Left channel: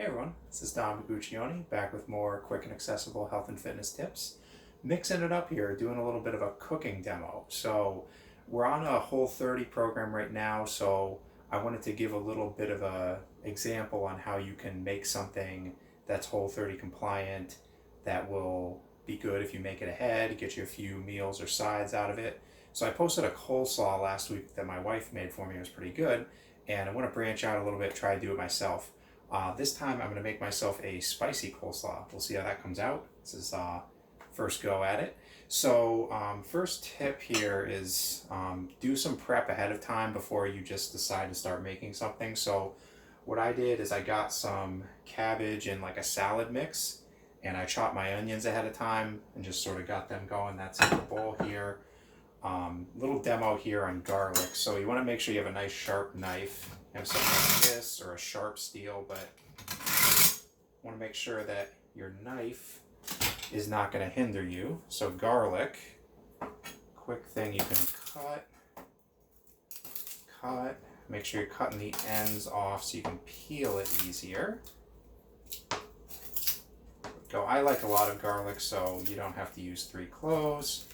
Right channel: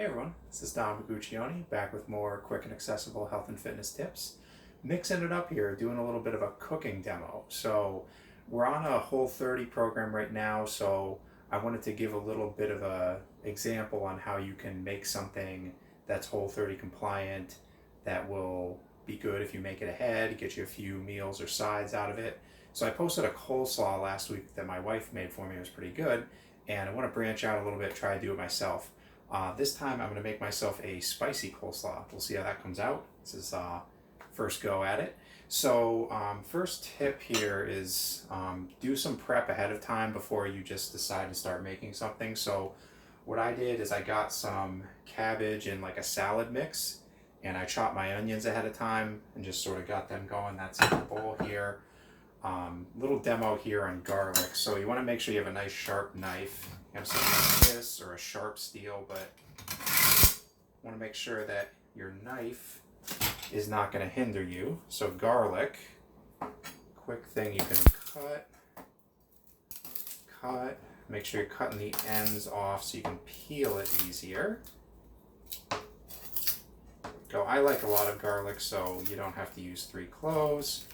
Hey everyone, this is Don Guccione back with more quick and accessible health and fitness tips. Mixing it up here, doing a little bit of a cooking demo. So we're on a Whole30 program right now, so I wanted to give a little bit of a example on how you can make something that's Whole30 compliant that will be good if you make it ahead, get you a few meals or sides out of it. So I posted a coleslaw last week that my wife made for me. It was pretty good, and I want to branch out a little bit, try to do it myself. This time I'm going to make myself a spicy coleslaw. We'll see how that comes out. This is first go at it. So first tip here is do some prep ahead of time before you just decide to start making something. So what I did is I got some cabbage in like a salad mix, and I chopped my onions ahead of time and just sort of got them going. That's in the bowl here. Little demo here on garlic. So you want to make sure you have a nice sharp knife. You have something like this or a sharp steel, but you want to make sure that your knife is not going to hinder you. So garlic, quick thing you can cut, make sure you're cutting the ends off so you can peel it easier. Go. I like a lot of garlic, so you don't have to use 3 cloves,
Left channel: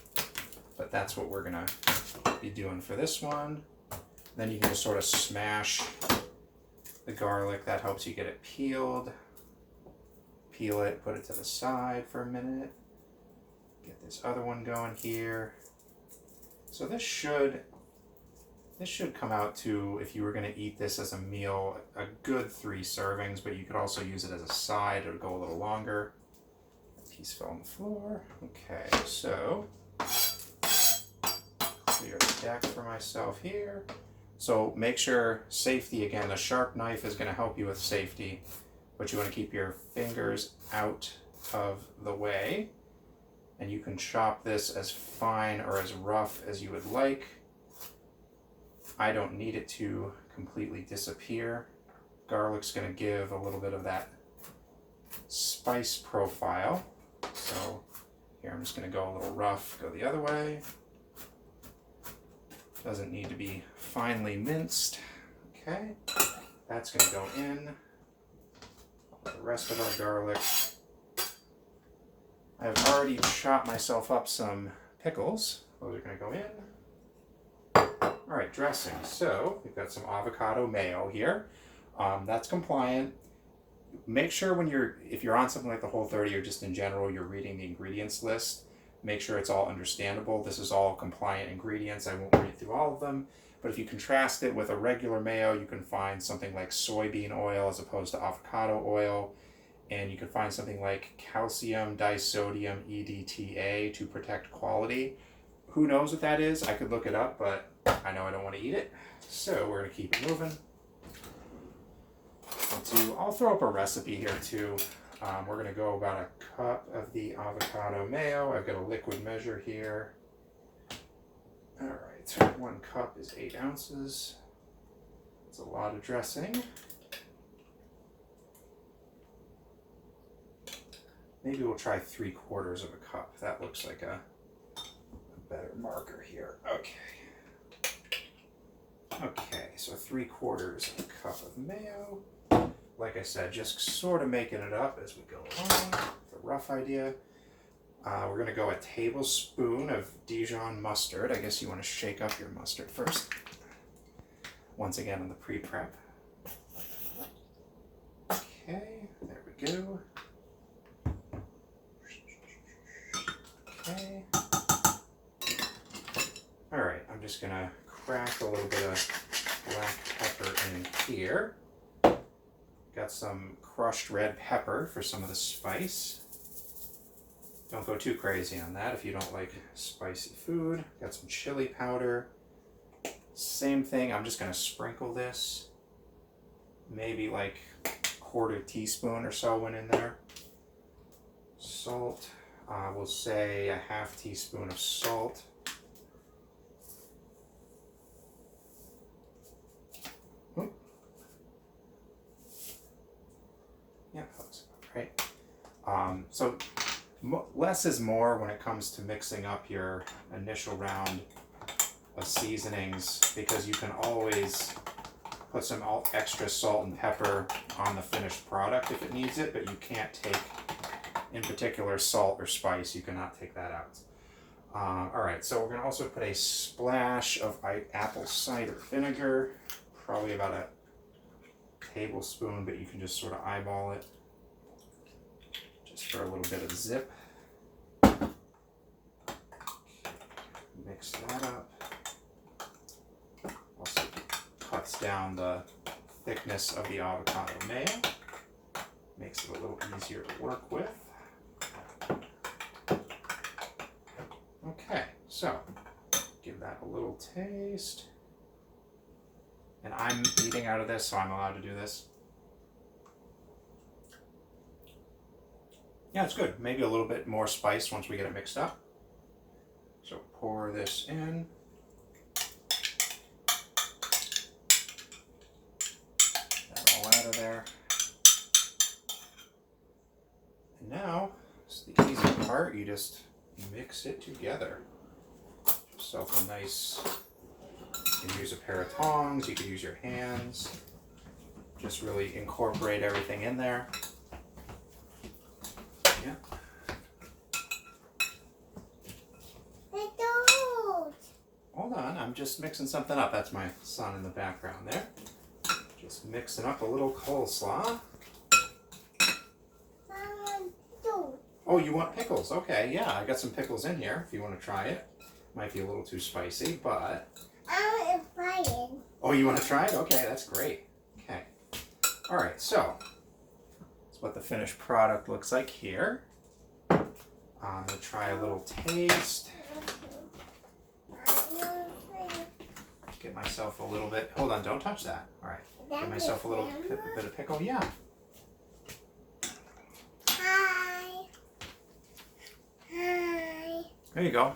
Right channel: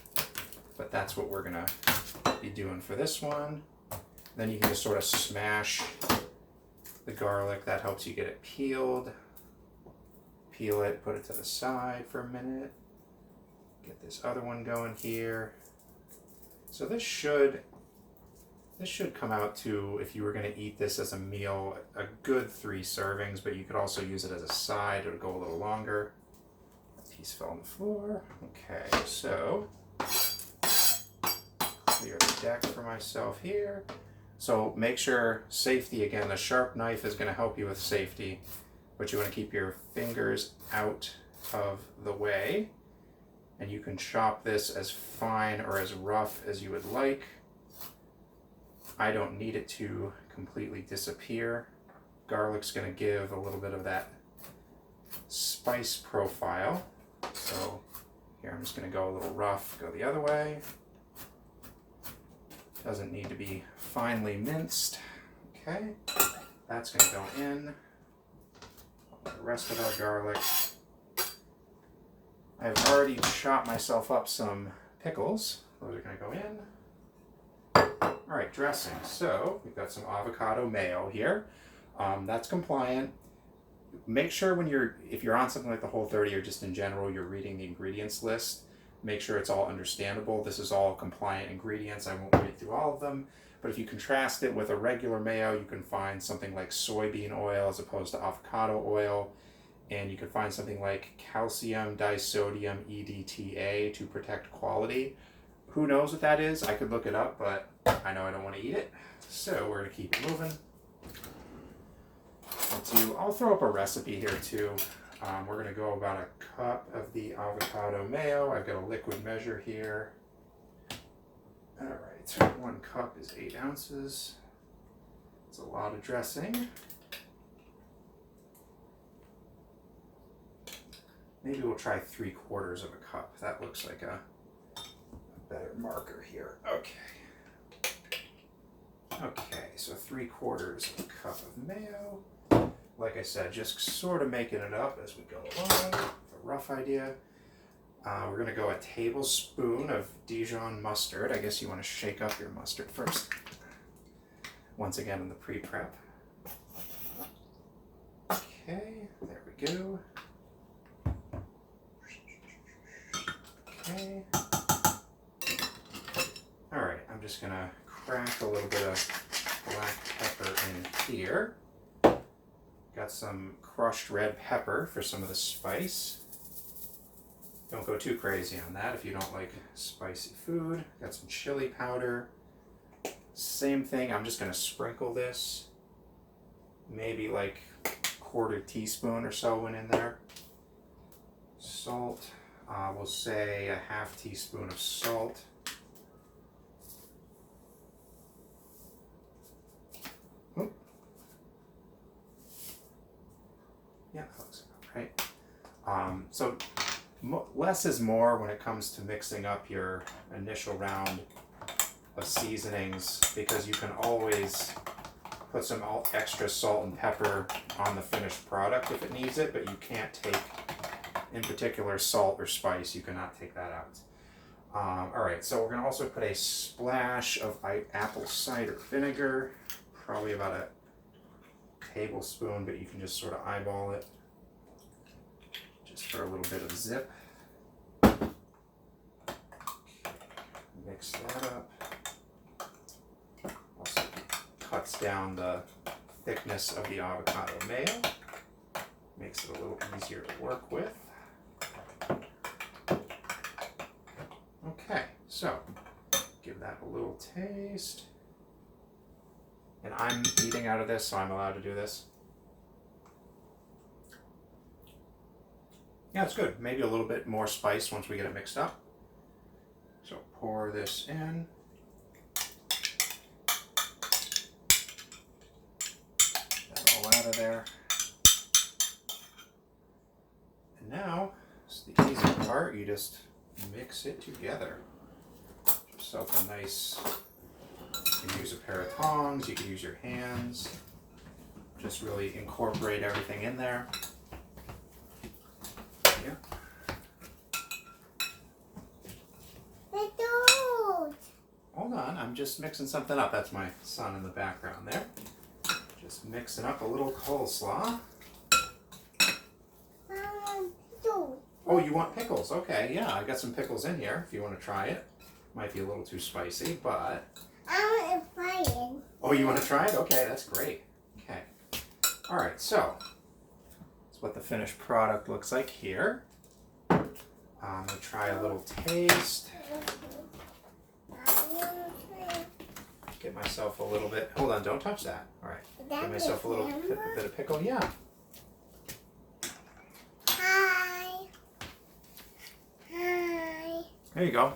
but that's what we're going to be doing for this one. Then you can just sort of smash the garlic. That helps you get it peeled. Peel it, put it to the side for a minute. Get this other one going here. So this should come out to, if you were going to eat this as a meal, a good 3 servings, but you could also use it as a side. It would go a little longer. That piece fell on the floor. Okay, so clear the deck for myself here. So make sure safety, again, the sharp knife is going to help you with safety, but you want to keep your fingers out of the way, and you can chop this as fine or as rough as you would like. I don't need it to completely disappear. Garlic's going to give a little bit of that spice profile. So here I'm just going to go a little rough, go the other way. Doesn't need to be finely minced. Okay, that's going to go in. The rest of our garlic. I've already chopped myself up some pickles. Those are going to go in. All right, dressing. So we've got some avocado mayo here. That's compliant. Make sure if you're on something like the Whole30 or just in general, you're reading the ingredients list. Make sure it's all understandable. This is all compliant ingredients. I won't read through all of them, but if you contrast it with a regular mayo, you can find something like soybean oil as opposed to avocado oil, and you can find something like calcium disodium EDTA to protect quality. Who knows what that is? I could look it up, but I know I don't want to eat it, so we're going to keep it moving. I'll throw up a recipe here too. We're going to go about a cup of the avocado mayo. I've got a liquid measure here. All right, 1 cup is 8 ounces. It's a lot of dressing. Maybe we'll try 3/4 of a cup. That looks like a better marker here. Okay. Okay, so 3/4 of a cup of mayo. Like I said, just sort of making it up as we go along. The rough idea. We're going to go a tablespoon of Dijon mustard. I guess you want to shake up your mustard first. Once again, in the pre-prep. Okay, there we go. Okay. All right, I'm just going to crack a little bit of black pepper in here. Got some crushed red pepper for some of the spice. Don't go too crazy on that if you don't like spicy food. Got some chili powder. Same thing, I'm just going to sprinkle this. Maybe like 1/4 teaspoon or so went in there. Salt, we'll say a 1/2 teaspoon of salt. Yeah, that looks about right. So less is more when it comes to mixing up your initial round of seasonings, because you can always put some extra salt and pepper on the finished product if it needs it, but you can't take, in particular, salt or spice. You cannot take that out. All right, so we're going to also put a splash of apple cider vinegar, probably about a tablespoon, but you can just sort of eyeball it just for a little bit of zip. Mix that up. Also cuts down the thickness of the avocado mayo, makes it a little easier to work with. Okay, so give that a little taste. And I'm eating out of this, so I'm allowed to do this. Yeah, it's good. Maybe a little bit more spice once we get it mixed up. So pour this in. That all out of there. And now, it's the easy part. You just mix it together. Give yourself a nice, you can use a pair of tongs, you can use your hands. Just really incorporate everything in there. Yeah. Hold on, I'm just mixing something up. That's my son in the background there. Just mixing up a little coleslaw. Oh, you want pickles? Okay, yeah, I got some pickles in here if you want to try it. Might be a little too spicy, but... I want to try it. Oh, you want to try it? Okay, that's great. Okay. All right, so that's what the finished product looks like here. I'm going to try a little taste. Get myself a little bit... Hold on, don't touch that. All right. Get myself a little bit of pickle. Yeah. Hi. Hi. There you go.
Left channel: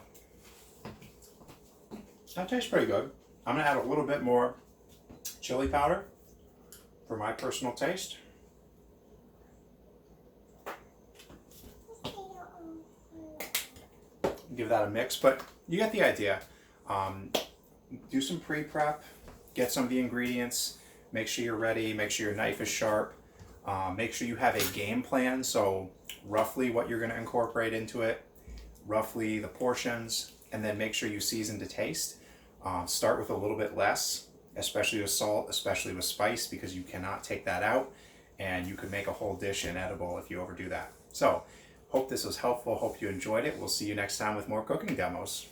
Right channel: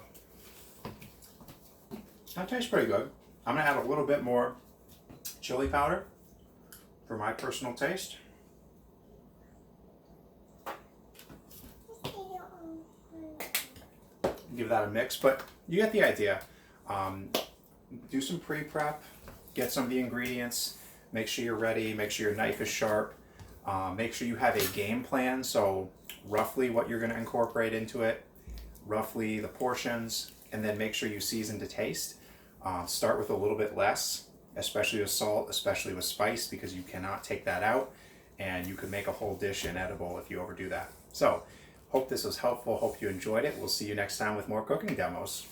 That tastes pretty good. I'm going to add a little bit more chili powder for my personal taste. Give that a mix, but you get the idea. Do some pre-prep, get some of the ingredients, make sure you're ready, make sure your knife is sharp, make sure you have a game plan, so roughly what you're going to incorporate into it, roughly the portions, and then make sure you season to taste. Start with a little bit less, especially with salt, especially with spice, because you cannot take that out, and you could make a whole dish inedible if you overdo that. So, hope this was helpful, hope you enjoyed it. We'll see you next time with more cooking demos.